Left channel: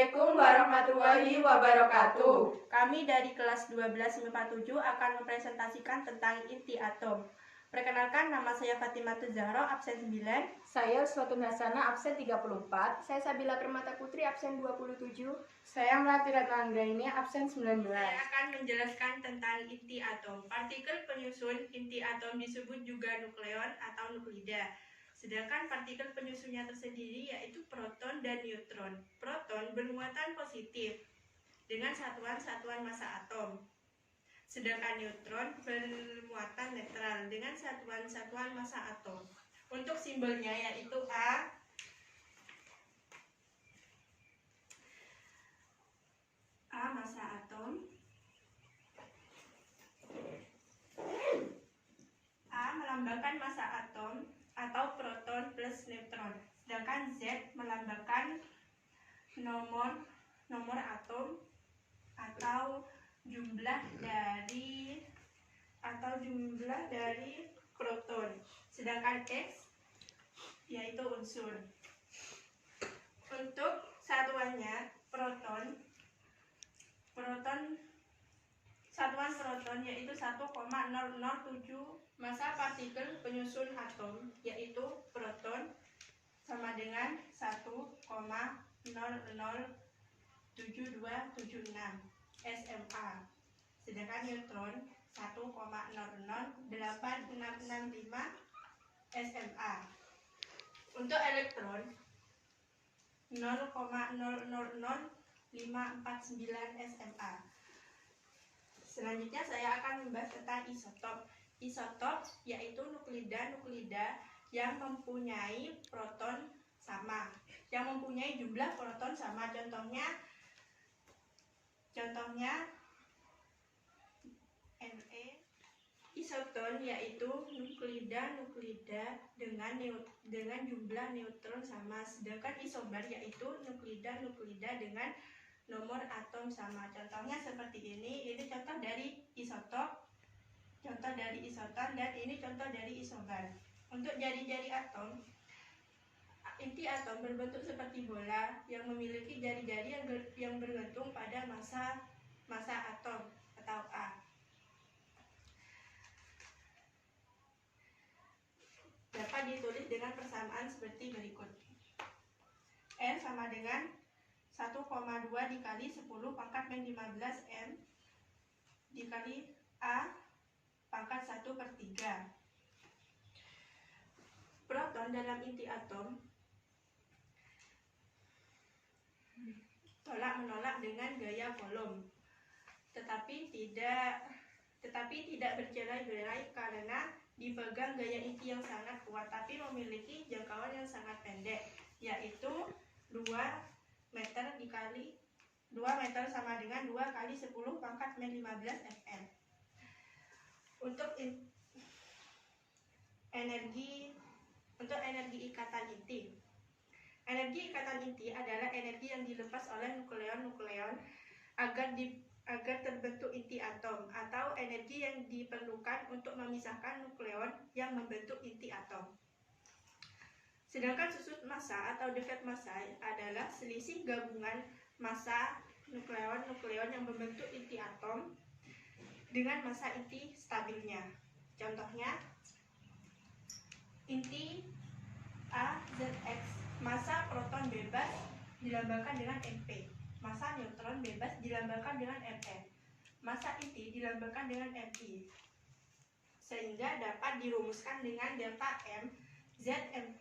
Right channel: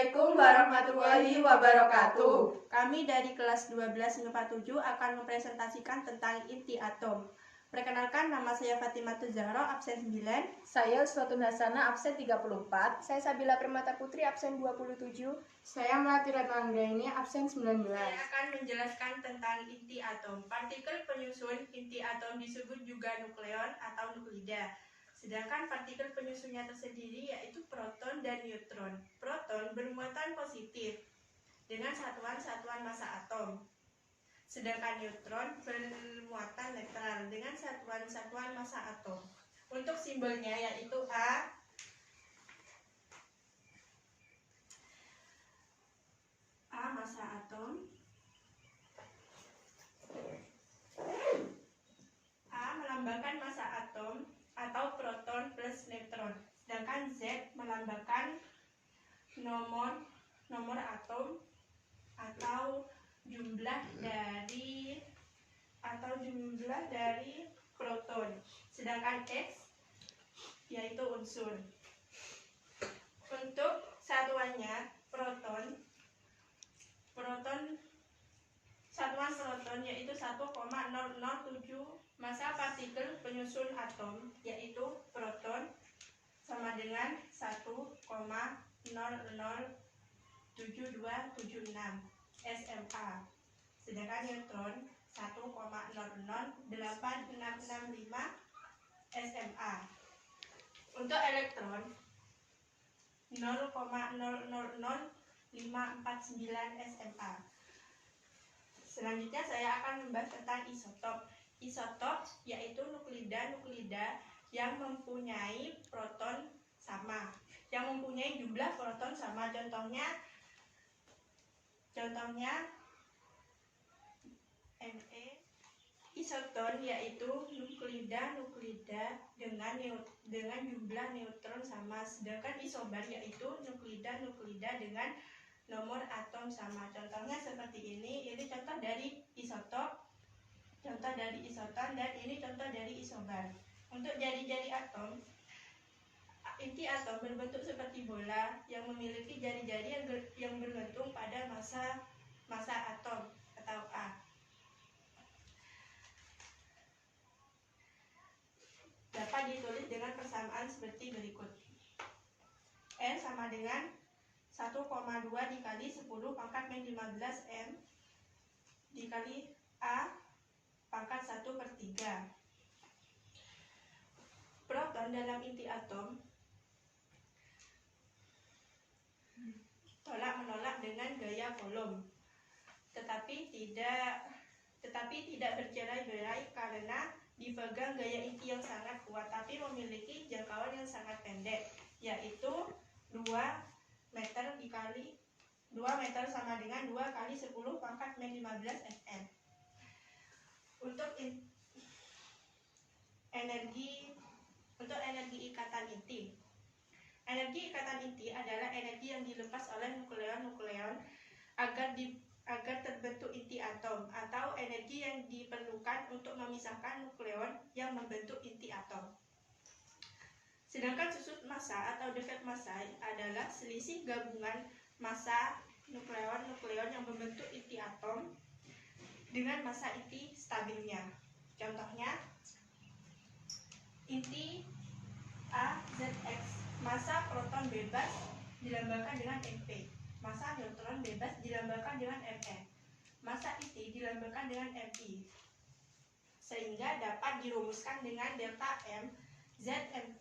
Assalamualaikum warahmatullahi wabarakatuh. Kami dari kelas 12 MIPA 7 akan mempresentasikan tentang inti atom. Perkenalkan, nama saya Fatimatul Zahra, absen 9. Saya Uswatun Hasanah, absen 34. Saya Sabila Permata Putri, absen 27. Saya Melati Retno Anggraini, absen 19. Saya akan menjelaskan tentang inti atom. Partikel penyusun inti atom disebut juga nukleon atau nuklida. Sedangkan partikel penyusunnya tersendiri yaitu proton dan neutron. Proton bermuatan positif dengan satuan-satuan massa atom. Sedangkan neutron bermuatan netral dengan satuan-satuan massa atom. Untuk simbolnya yaitu A massa atom. A melambangkan massa atom atau proton plus neutron. Sedangkan Z melambangkan nomor atom atau jumlah dari proton. Sedangkan X yaitu unsur. Untuk satuannya satuan proton yaitu 1,007 massa partikel penyusun atom, yaitu proton sama dengan 1,007276 SMA. Sedangkan neutron 1,008665 SMA. Untuk elektron 0,000549 SMA. Selanjutnya saya akan membahas tentang isotop. Isotop yaitu nuklida yang mempunyai proton sama, yang mempunyai jumlah proton sama. Contohnya Ne. Isoton yaitu nuklida dengan jumlah neutron sama. Sedangkan isobar yaitu nuklida dengan nomor atom sama. Contohnya seperti ini contoh dari isotop, contoh dari isoton, dan ini contoh dari isobar. Untuk jari-jari atom, inti atom berbentuk seperti bola yang memiliki jari-jari yang bergantung pada massa atom atau A. Dapat ditulis dengan persamaan seperti berikut. N sama dengan 1,2 dikali 10 pangkat min 15 M dikali A pangkat 1/3. Proton dalam inti atom tolak-menolak dengan gaya Coulomb, tetapi tidak bercerai-berai karena dipegang gaya inti yang sangat kuat, tapi memiliki jangkauan yang sangat pendek, yaitu 2 meter sama dengan 2 kali 10 pangkat min 15 Fm. Untuk energi ikatan inti. Energi ikatan inti adalah energi yang dilepas oleh nukleon agar terbentuk inti atom, atau energi yang diperlukan untuk memisahkan nukleon yang membentuk inti atom. Sedangkan susut massa atau defek massa adalah selisih gabungan massa nukleon yang membentuk inti atom dengan massa inti stabilnya. Contohnya inti AZX, massa proton bebas dilambangkan dengan MP, massa neutron bebas dilambangkan dengan Mn, massa inti dilambangkan dengan Mi, sehingga dapat dirumuskan dengan delta M Zm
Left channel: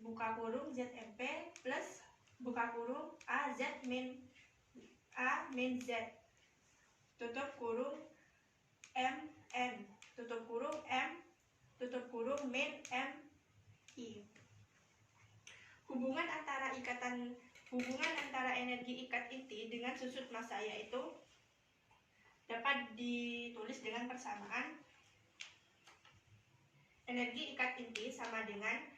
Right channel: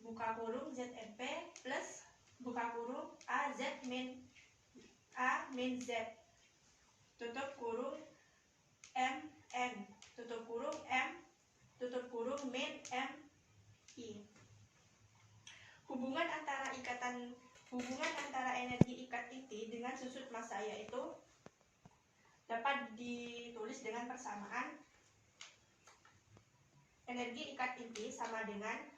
buka kurung ZMP plus buka kurung AZ min Z tutup kurung Mn tutup kurung M tutup kurung min Mi. Hubungan antara energi ikat inti dengan susut massa yaitu dapat ditulis dengan persamaan energi ikat inti sama dengan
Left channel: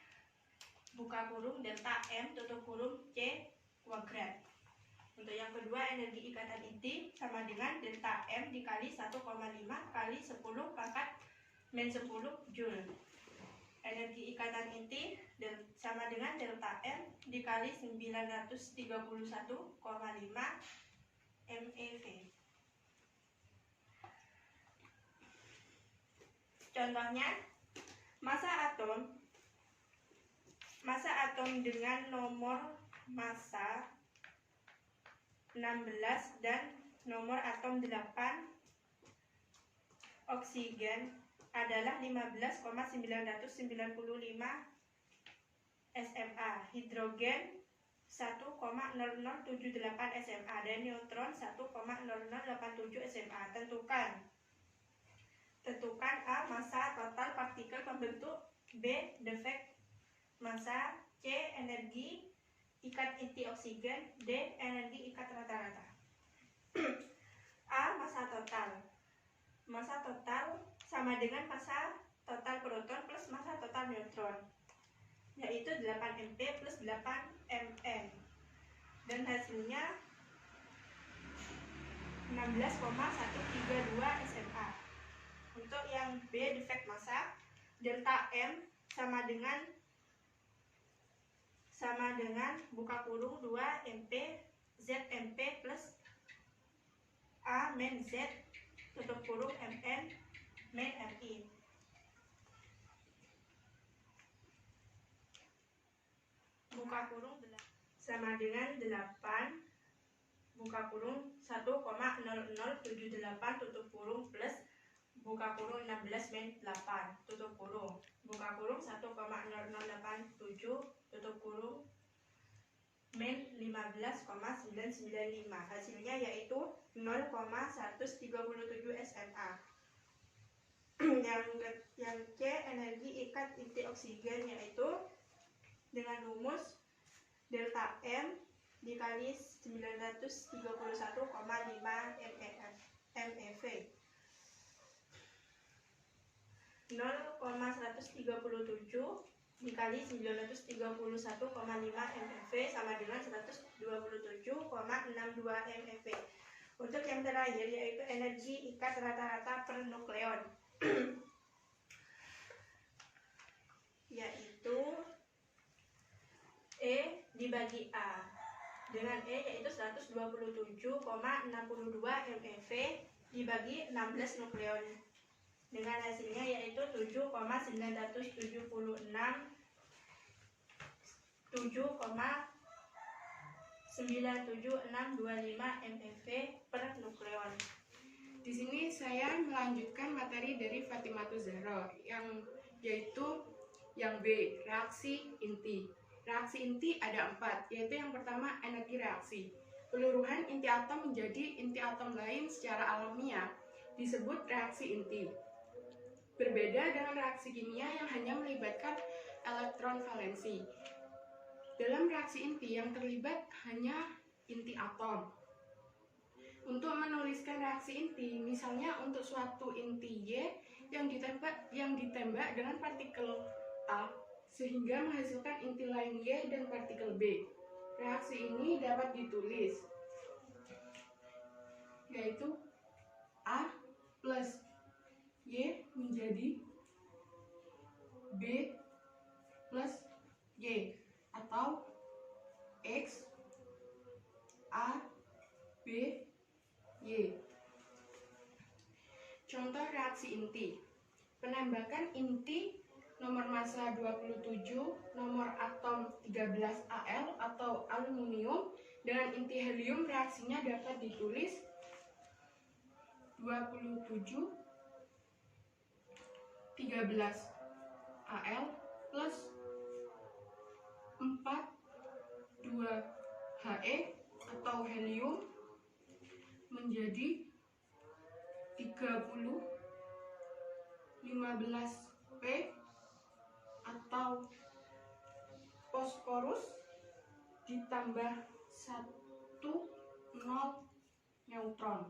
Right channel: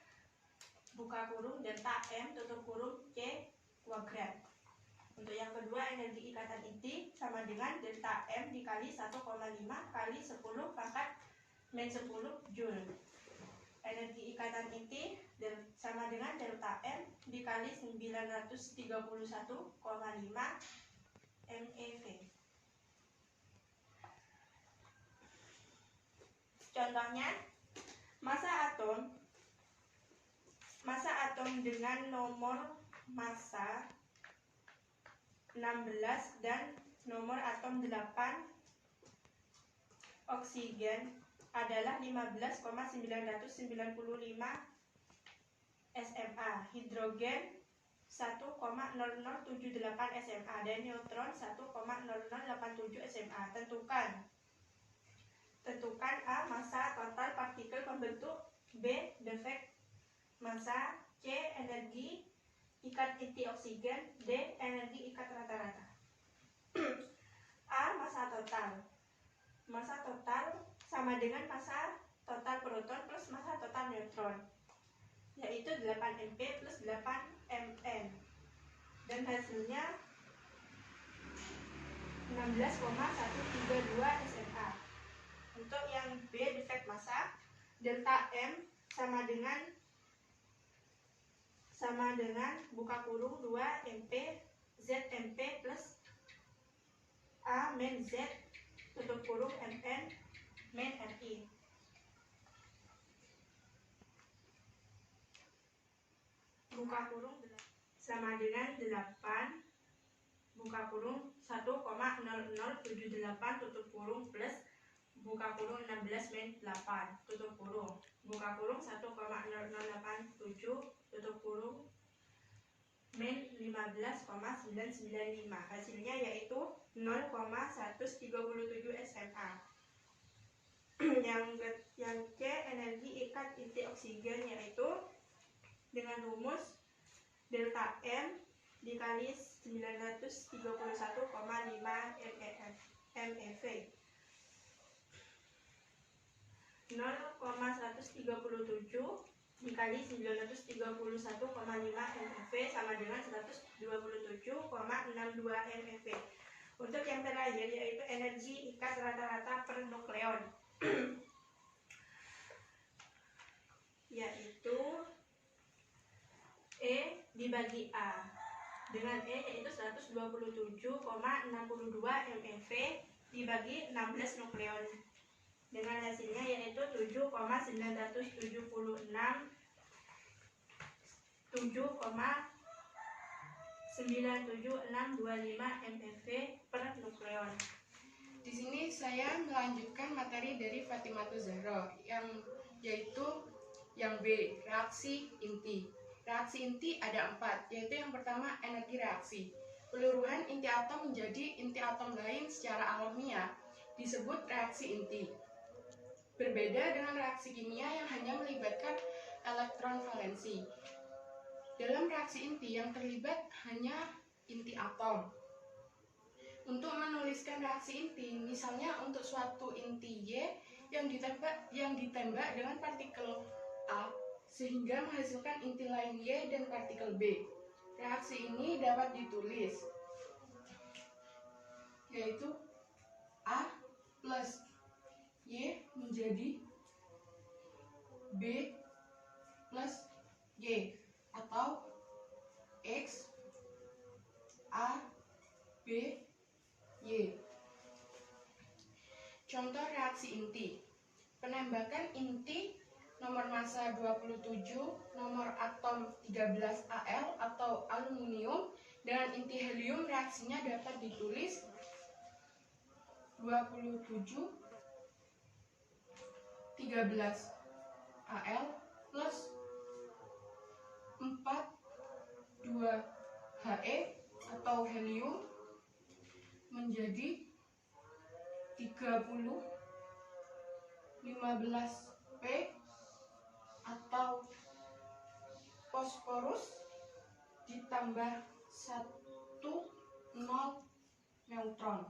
buka kurung delta M tutup kurung C kuadrat. Untuk yang kedua, energi ikatan inti sama dengan delta M dikali 1,5 kali 10 pangkat min 10 Joule. energi ikatan inti sama dengan delta M dikali 931,5 MeV. Contohnya, massa atom dengan nomor massa 16 dan nomor atom 8 oksigen adalah 15,995 SMA, hidrogen 1,0078 SMA, dan neutron 1,0087 SMA. Tentukan A, massa total partikel pembentuk, B, defek massa, C, energi ikat inti oksigen, D, energi ikat rata-rata. A, massa total. Massa total sama dengan massa total proton plus massa total neutron, yaitu 8 MP plus 8 Mn, dan hasilnya 16,132 SMA. Untuk yang B, defek massa, delta M sama dengan buka kurung 2 MP ZMP plus A min Z tutup kurung Mn min Mi. Buka kurung sama dengan 8 buka kurung 1,0078 tutup kurung plus buka kurung 16 min 8 tutup kurung buka kurung 1,0087 tutup kurung min 15,995. Hasilnya yaitu 0,137 SMA. yang C, energi ikat inti oksigen, yaitu dengan rumus delta M dikali 931,5 MeV. 0,137 dikali 931,5 MeV sama dengan 127,62 MeV. Untuk yang terakhir yaitu energi ikat rata-rata per nukleon, yaitu E dibagi A. Dengan E yaitu 127,62 MeV dibagi 16 nukleon, dengan hasilnya yaitu 7,976 MeV per nukleon. Di sini saya melanjutkan materi dari Fatimatul Zahra, yaitu yang B, reaksi inti. Reaksi inti ada 4, yaitu yang pertama energi reaksi. Peluruhan inti atom menjadi inti atom lain secara alamiah disebut reaksi inti. Berbeda dengan reaksi kimia yang hanya melibatkan elektron valensi. Dalam reaksi inti yang terlibat hanya inti atom. Untuk menuliskan reaksi inti, misalnya untuk suatu inti Y yang ditembak dengan partikel A sehingga menghasilkan inti lain Y dan partikel B. Reaksi ini dapat ditulis yaitu A plus Y menjadi B plus Y, atau X A B Y. Contoh reaksi inti. Penembakan inti nomor massa 27, nomor atom 13 Al atau aluminium dengan inti helium, reaksinya dapat ditulis 27 13 Al plus 4 2 He atau helium menjadi 30 15 P atau fosforus ditambah 1 0 neutron.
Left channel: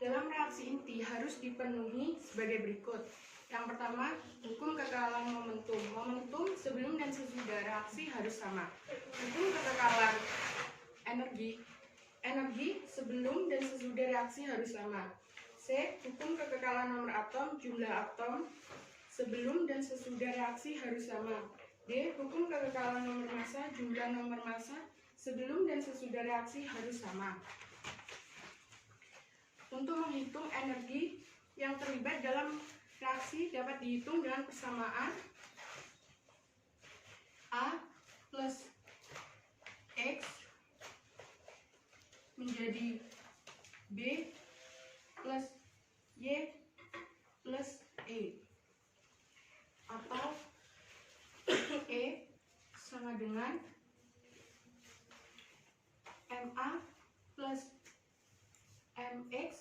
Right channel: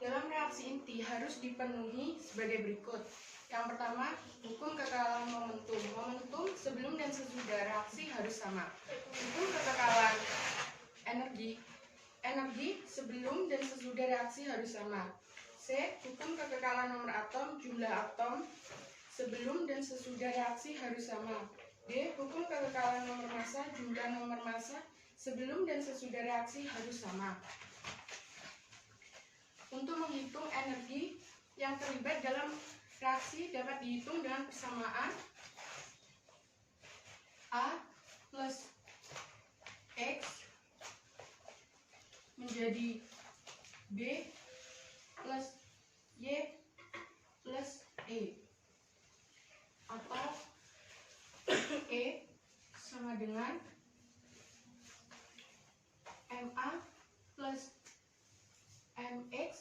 Dalam reaksi inti harus dipenuhi sebagai berikut. Yang pertama, hukum kekekalan momentum. Momentum sebelum dan sesudah reaksi harus sama. Hukum kekekalan energi. Energi sebelum dan sesudah reaksi harus sama. C. Hukum kekekalan nomor atom, jumlah atom sebelum dan sesudah reaksi harus sama. D. Hukum kekekalan nomor massa, jumlah nomor massa sebelum dan sesudah reaksi harus sama. Untuk menghitung energi yang terlibat dalam reaksi dapat dihitung dengan persamaan A plus X menjadi B plus Y plus E, atau E sama dengan MA plus MX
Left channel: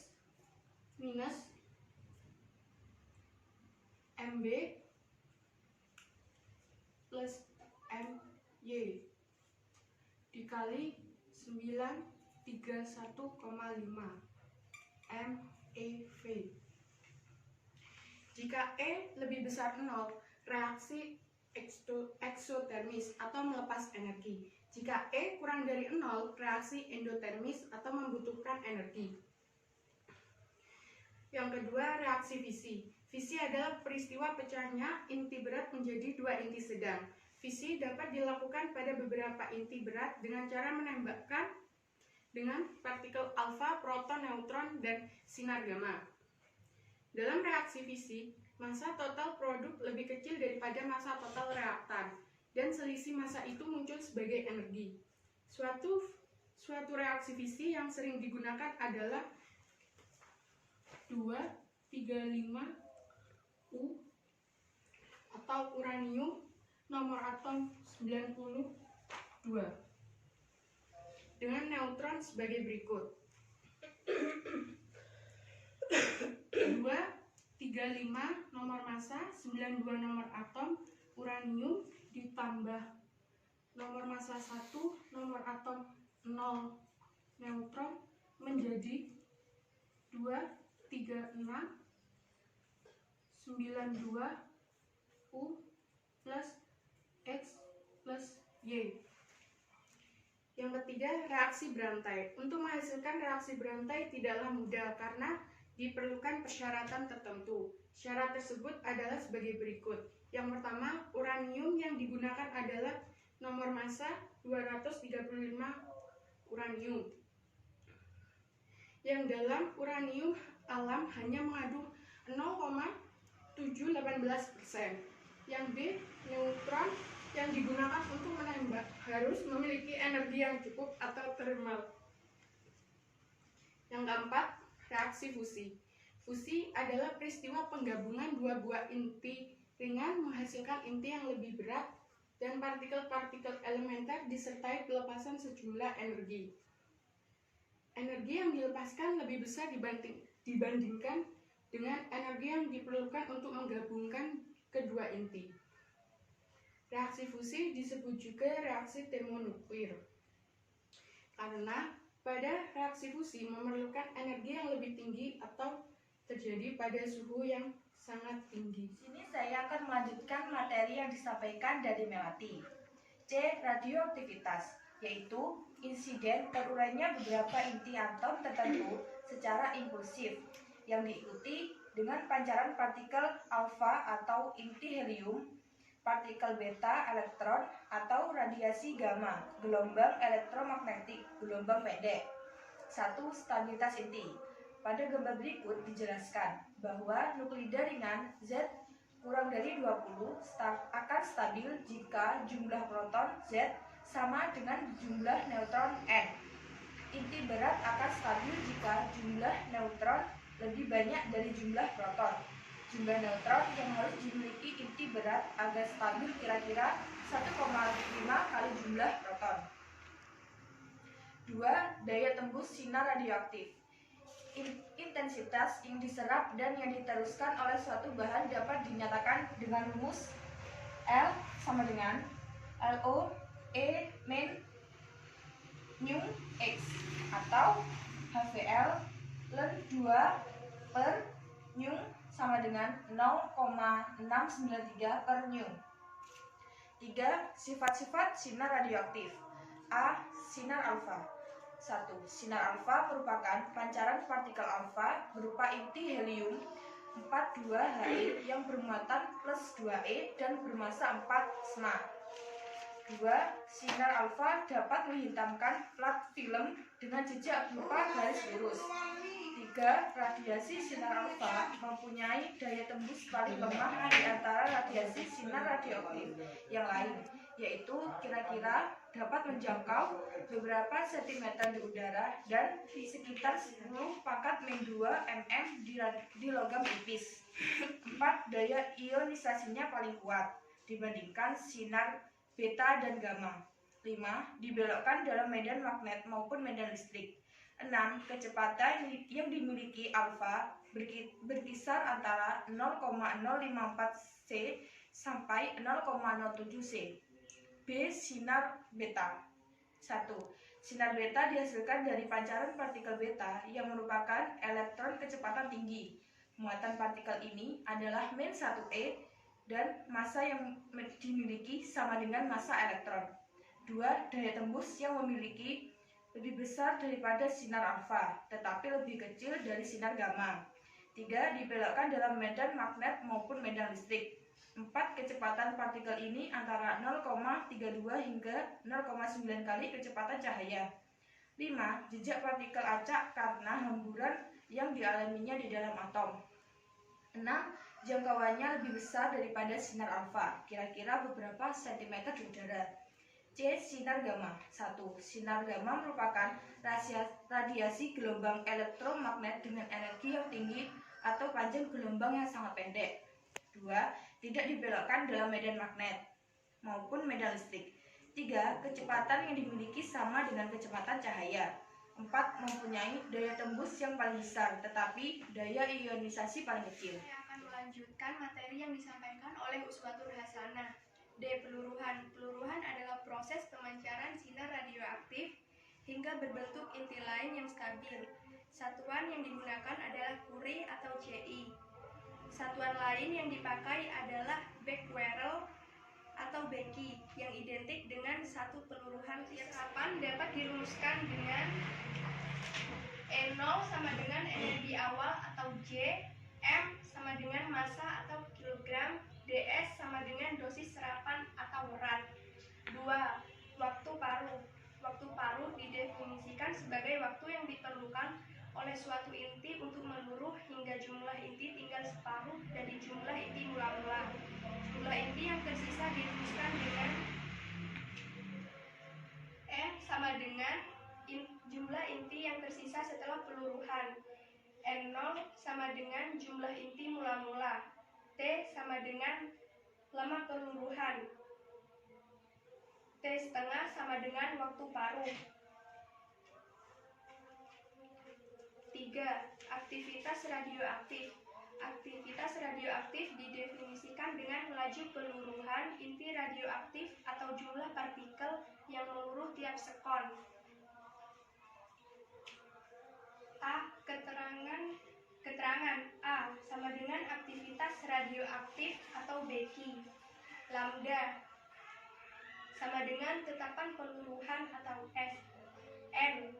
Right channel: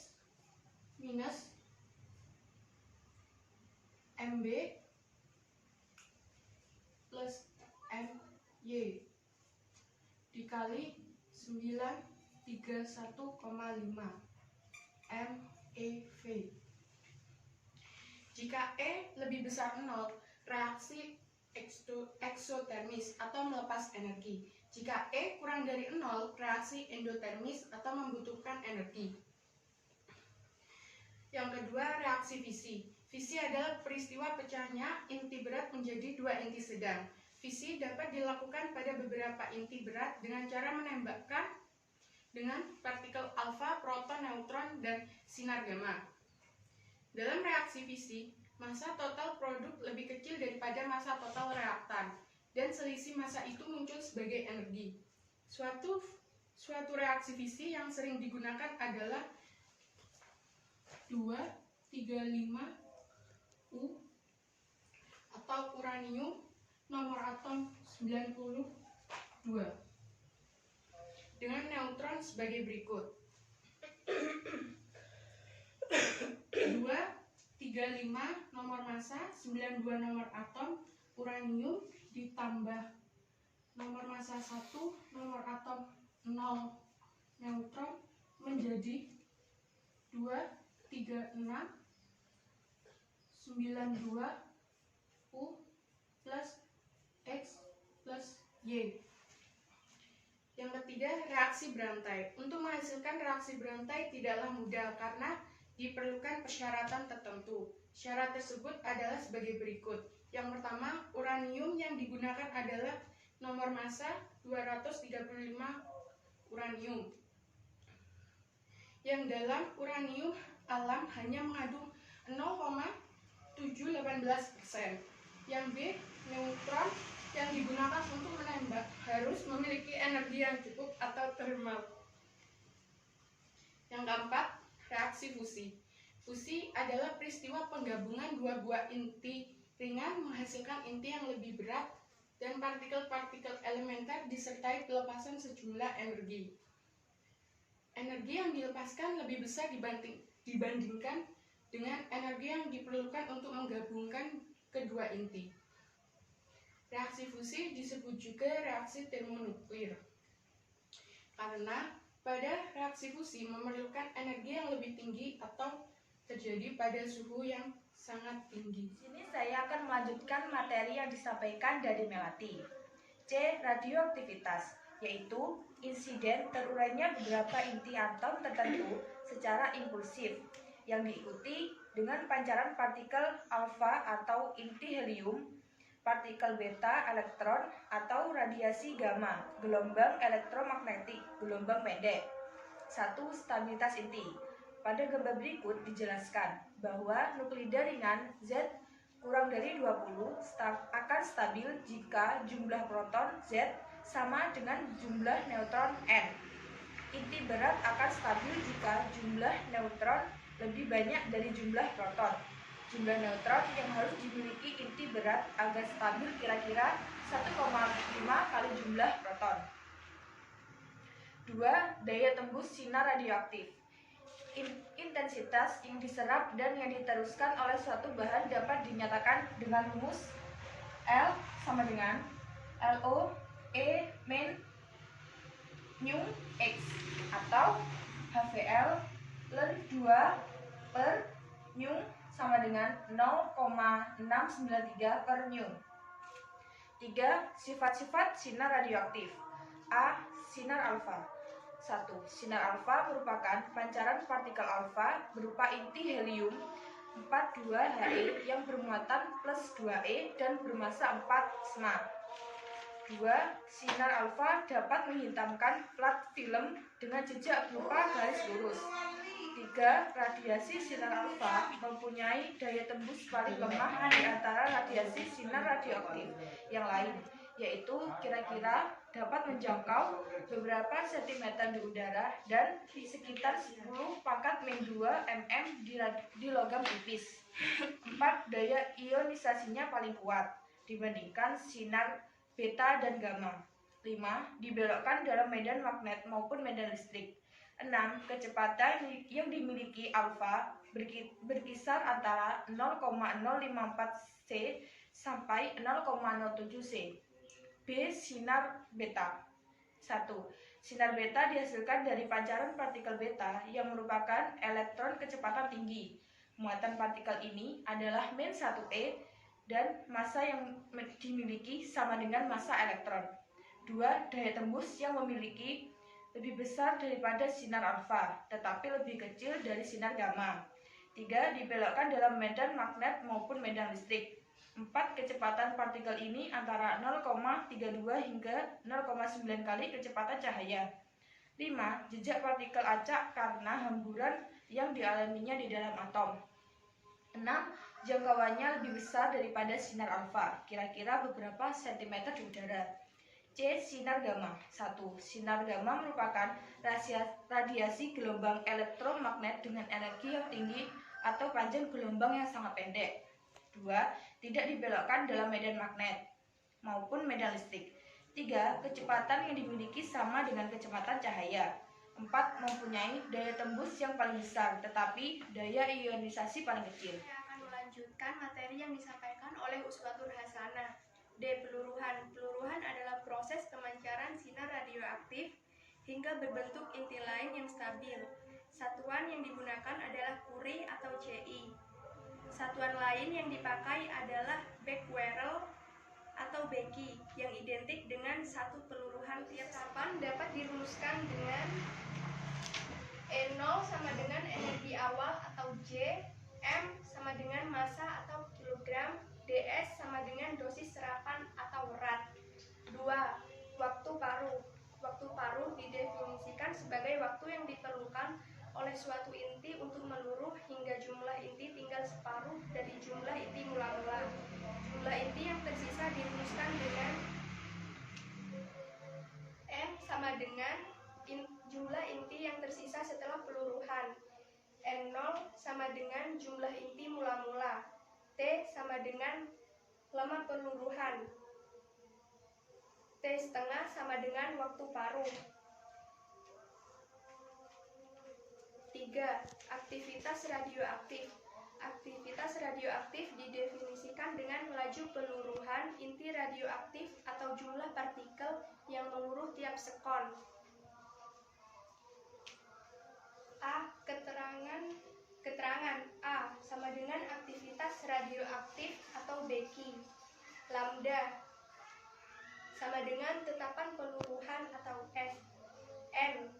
minus MB plus MY dikali 931,5 MeV. Jika E lebih besar 0, reaksi eksotermis atau melepas energi. Jika E kurang dari 0, reaksi endotermis atau membutuhkan energi. Yang kedua, reaksi fisi. Fisi adalah peristiwa pecahnya inti berat menjadi dua inti sedang. Fisi dapat dilakukan pada beberapa inti berat dengan cara menembakkan dengan partikel alfa, proton, neutron, dan sinar gamma. Dalam reaksi fisi, massa total produk lebih kecil daripada massa total reaktan, dan selisih massa itu muncul sebagai energi. Suatu reaksi fisi yang sering digunakan adalah 235U atau uranium nomor atom 92 dengan neutron sebagai berikut. 235 nomor massa, 92 nomor atom uranium ditambah nomor massa 1 nomor atom 0 neutron menjadi 236 92 U plus X plus Y. Yang ketiga, reaksi berantai. Untuk menghasilkan reaksi berantai tidaklah mudah karena diperlukan persyaratan tertentu. Syarat tersebut adalah sebagai berikut. Yang pertama, uranium yang digunakan adalah nomor massa 235 uranium. Yang dalam uranium alam hanya mengandung 0,718%. Yang B, neutron yang digunakan untuk menembak harus memiliki energi yang cukup atau thermal. Yang keempat, reaksi fusi. Fusi adalah peristiwa penggabungan dua buah inti ringan menghasilkan inti yang lebih berat dan partikel-partikel elementer disertai pelepasan sejumlah energi. Energi yang dilepaskan lebih besar dibandingkan dengan energi yang diperlukan untuk menggabungkan kedua inti. Reaksi fusi disebut juga reaksi termonuklir karena pada reaksi fusi memerlukan energi yang lebih tinggi atau terjadi pada suhu yang sangat tinggi. Sini saya akan melanjutkan materi yang disampaikan dari Melati. C. Radioaktivitas, yaitu insiden terurainya beberapa inti atom tertentu secara impulsif yang diikuti dengan pancaran partikel alfa atau inti helium, partikel beta elektron atau radiasi gamma, gelombang elektromagnetik, gelombang pendek. 1. Stabilitas inti. Pada gambar berikut dijelaskan bahwa nuklida ringan Z kurang dari 20 akan stabil jika jumlah proton Z sama dengan jumlah neutron N. Inti berat akan stabil jika jumlah neutron lebih banyak dari jumlah proton. Jumlah neutron yang harus dimiliki inti berat agar stabil kira-kira 1,5 kali jumlah proton. 2. Daya tembus sinar radioaktif. Intensitas yang diserap dan yang diteruskan oleh suatu bahan dapat dinyatakan dengan rumus L sama dengan LO E min nu X atau HVL ln 2 per nu sama dengan 0,693 per nu. 3. Sifat-sifat sinar radioaktif. A. Sinar alfa. 1. Sinar alfa merupakan pancaran partikel alfa berupa inti helium 4 2He yang bermuatan plus 2E dan bermassa 4 sma. 2. Sinar alfa dapat menghitamkan plat film dengan jejak berupa garis lurus. 3. Radiasi sinar alfa mempunyai daya tembus paling lemah di antara radiasi sinar radioaktif yang lain, yaitu kira-kira dapat menjangkau beberapa sentimeter di udara dan sekitar 10⁻²mm di logam tipis. 4. Daya ionisasinya paling kuat dibandingkan sinar beta dan gamma. 5. Dibelokkan dalam medan magnet maupun medan listrik. 6. Kecepatan yang dimiliki alfa berkisar antara 0,054 C sampai 0,07 C. B. Sinar beta. 1. Sinar beta dihasilkan dari pancaran partikel beta yang merupakan elektron kecepatan tinggi. Muatan partikel ini adalah -1e dan massa yang dimiliki sama dengan massa elektron. 2. Daya tembus yang memiliki lebih besar daripada sinar alfa, tetapi lebih kecil dari sinar gamma. 3. Dibelokkan dalam medan magnet maupun medan listrik. 4. Kecepatan partikel ini antara 0,32 hingga 0,9 kali kecepatan cahaya. 5. Jejak partikel acak karena hamburan yang dialaminya di dalam atom. 6. Jangkauannya lebih besar daripada sinar alfa, kira-kira beberapa sentimeter di udara. C. Sinar gamma. 1. Sinar gamma merupakan radiasi gelombang elektromagnet dengan energi yang tinggi atau panjang gelombang yang sangat pendek. 2. Tidak dibelokkan dalam medan magnet maupun medan listrik. 3. Kecepatan yang dimiliki sama dengan kecepatan cahaya. 4. Mempunyai daya tembus yang paling besar, tetapi daya ionisasi paling kecil. Melanjutkan materi yang disampaikan oleh Uswatul Hasanah. D. Peluruhan. Peluruhan adalah proses pemancaran sinar radioaktif hingga berbentuk inti lain yang stabil. Satuan yang digunakan adalah Curie atau Ci. Satuan lain yang dipakai adalah Becquerel atau Becky yang identik dengan satu peluruhan tiap kapan dapat dirumuskan dengan E0 sama dengan energi awal atau J, M sama dengan massa atau kilogram, DS sama dengan dosis serapan atau rat. 2. Waktu paruh. Waktu paruh didefinisikan sebagai waktu yang diperlukan oleh suatu inti untuk meluruh hingga jumlah inti tinggal separuh dari jumlah inti mula-mula. Jumlah inti yang tersisa dirumuskan dengan N sama dengan jumlah inti yang tersisa setelah peluruhan. N0 sama dengan jumlah inti mula-mula. T sama dengan lama peluruhan. T setengah sama dengan waktu paruh. 3. Aktivitas radioaktif. Aktivitas radioaktif didefinisikan dengan laju peluruhan inti radioaktif atau jumlah partikel yang meluruh tiap sekon. A. Keterangan A sama dengan aktivitas radioaktif atau Becky. Lambda sama dengan tetapan peluruhan atau S. N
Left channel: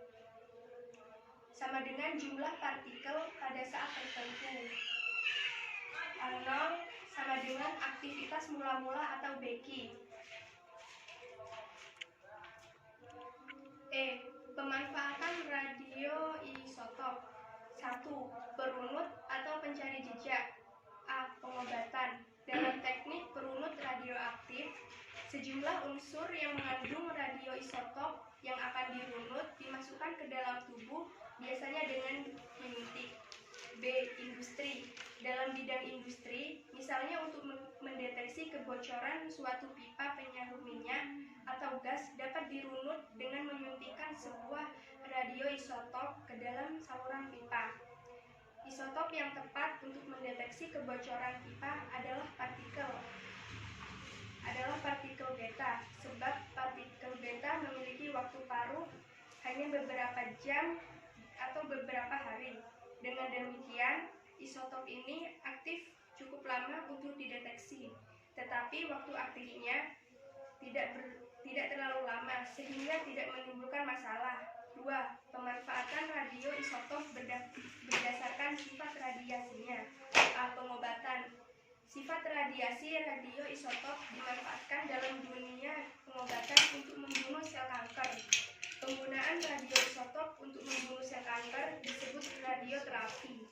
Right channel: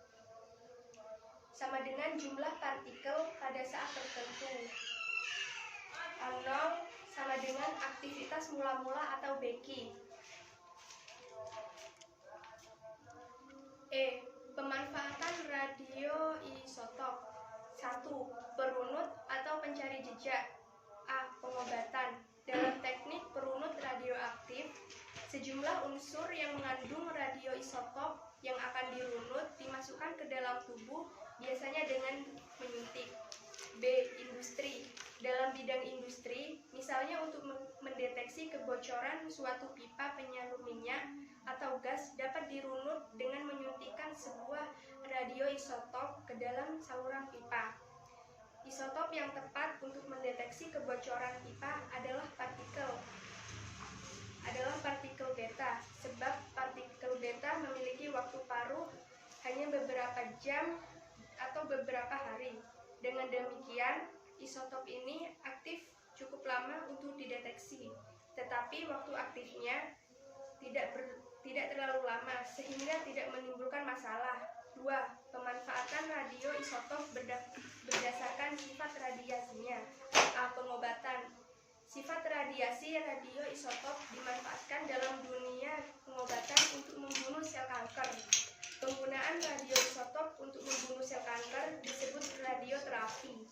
sama dengan jumlah partikel pada saat tertentu. A0 sama dengan aktivitas mula-mula atau Becky. E. Pemanfaatan radioisotop. 1. Perunut atau pencari jejak. A. Pengobatan. Dalam teknik perunut radioaktif, sejumlah unsur yang mengandung radioisotop yang akan dirunut dimasukkan ke dalam tubuh, biasanya dengan menyuntik. B. Industri. Dalam bidang industri, misalnya untuk mendeteksi kebocoran suatu pipa penyalur minyak atau gas, dapat dirunut dengan menyuntikkan sebuah radioisotop ke dalam saluran pipa. Isotop yang tepat untuk mendeteksi kebocoran pipa adalah partikel beta, sebab partikel beta memiliki waktu paruh hanya beberapa jam atau beberapa hari. Dengan demikian, isotop ini aktif cukup lama untuk dideteksi, tetapi waktu aktifnya tidak terlalu lama sehingga tidak menimbulkan masalah. 2. Pemanfaatan radioisotop berdasarkan sifat radiasinya. A. Pengobatan. Sifat radiasi radioisotop dimanfaatkan dalam dunia pengobatan untuk membunuh sel kanker. Penggunaan radioisotop untuk membunuh sel kanker disebut radioterapi.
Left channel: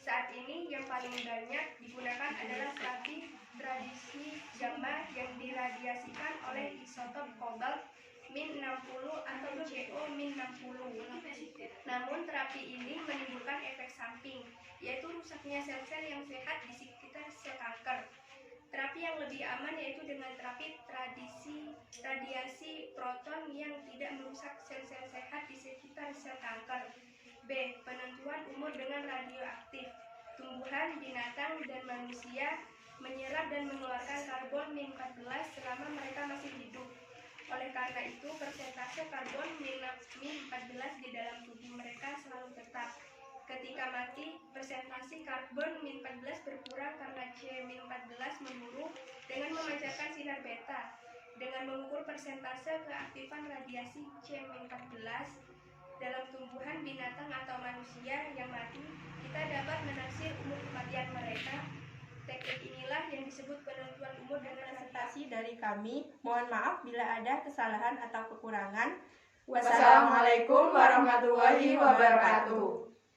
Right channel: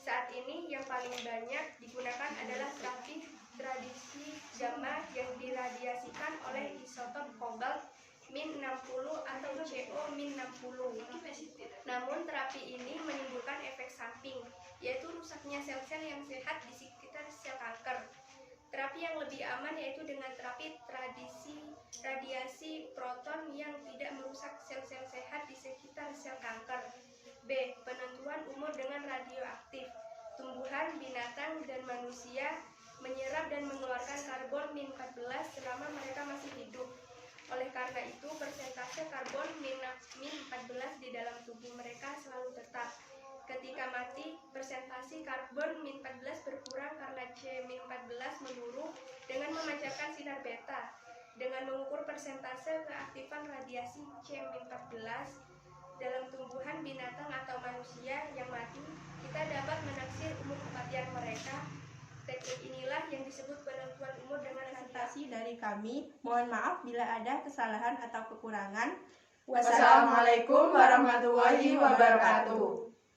Saat ini yang paling banyak digunakan adalah terapi radiasi gamma yang diradiasikan oleh isotop kobalt min 60 atau CO min 60. Namun terapi ini menimbulkan efek samping, yaitu rusaknya sel-sel yang sehat di sekitar sel kanker. Terapi yang lebih aman yaitu dengan terapi radiasi proton yang tidak merusak sel-sel sehat di sekitar sel kanker. B. Penentuan umur dengan radioaktif. Tumbuhan, binatang, dan manusia menyerap dan mengeluarkan karbon min 14 selama mereka masih hidup. Oleh karena itu, persentase karbon min 14 di dalam tubuh mereka selalu tetap. Ketika mati, persentase karbon min 14 berkurang karena C min 14 menurun dengan memancarkan sinar beta. Dengan mengukur persentase keaktifan radiasi C min 14 dalam tumbuhan, binatang, atau manusia yang mati, kita dapat menaksir umur kematian mereka. Teknik inilah yang disebut penentuan umur dan Presentasi dari kami. Mohon maaf bila ada kesalahan atau kekurangan. Wassalamualaikum warahmatullahi wabarakatuh.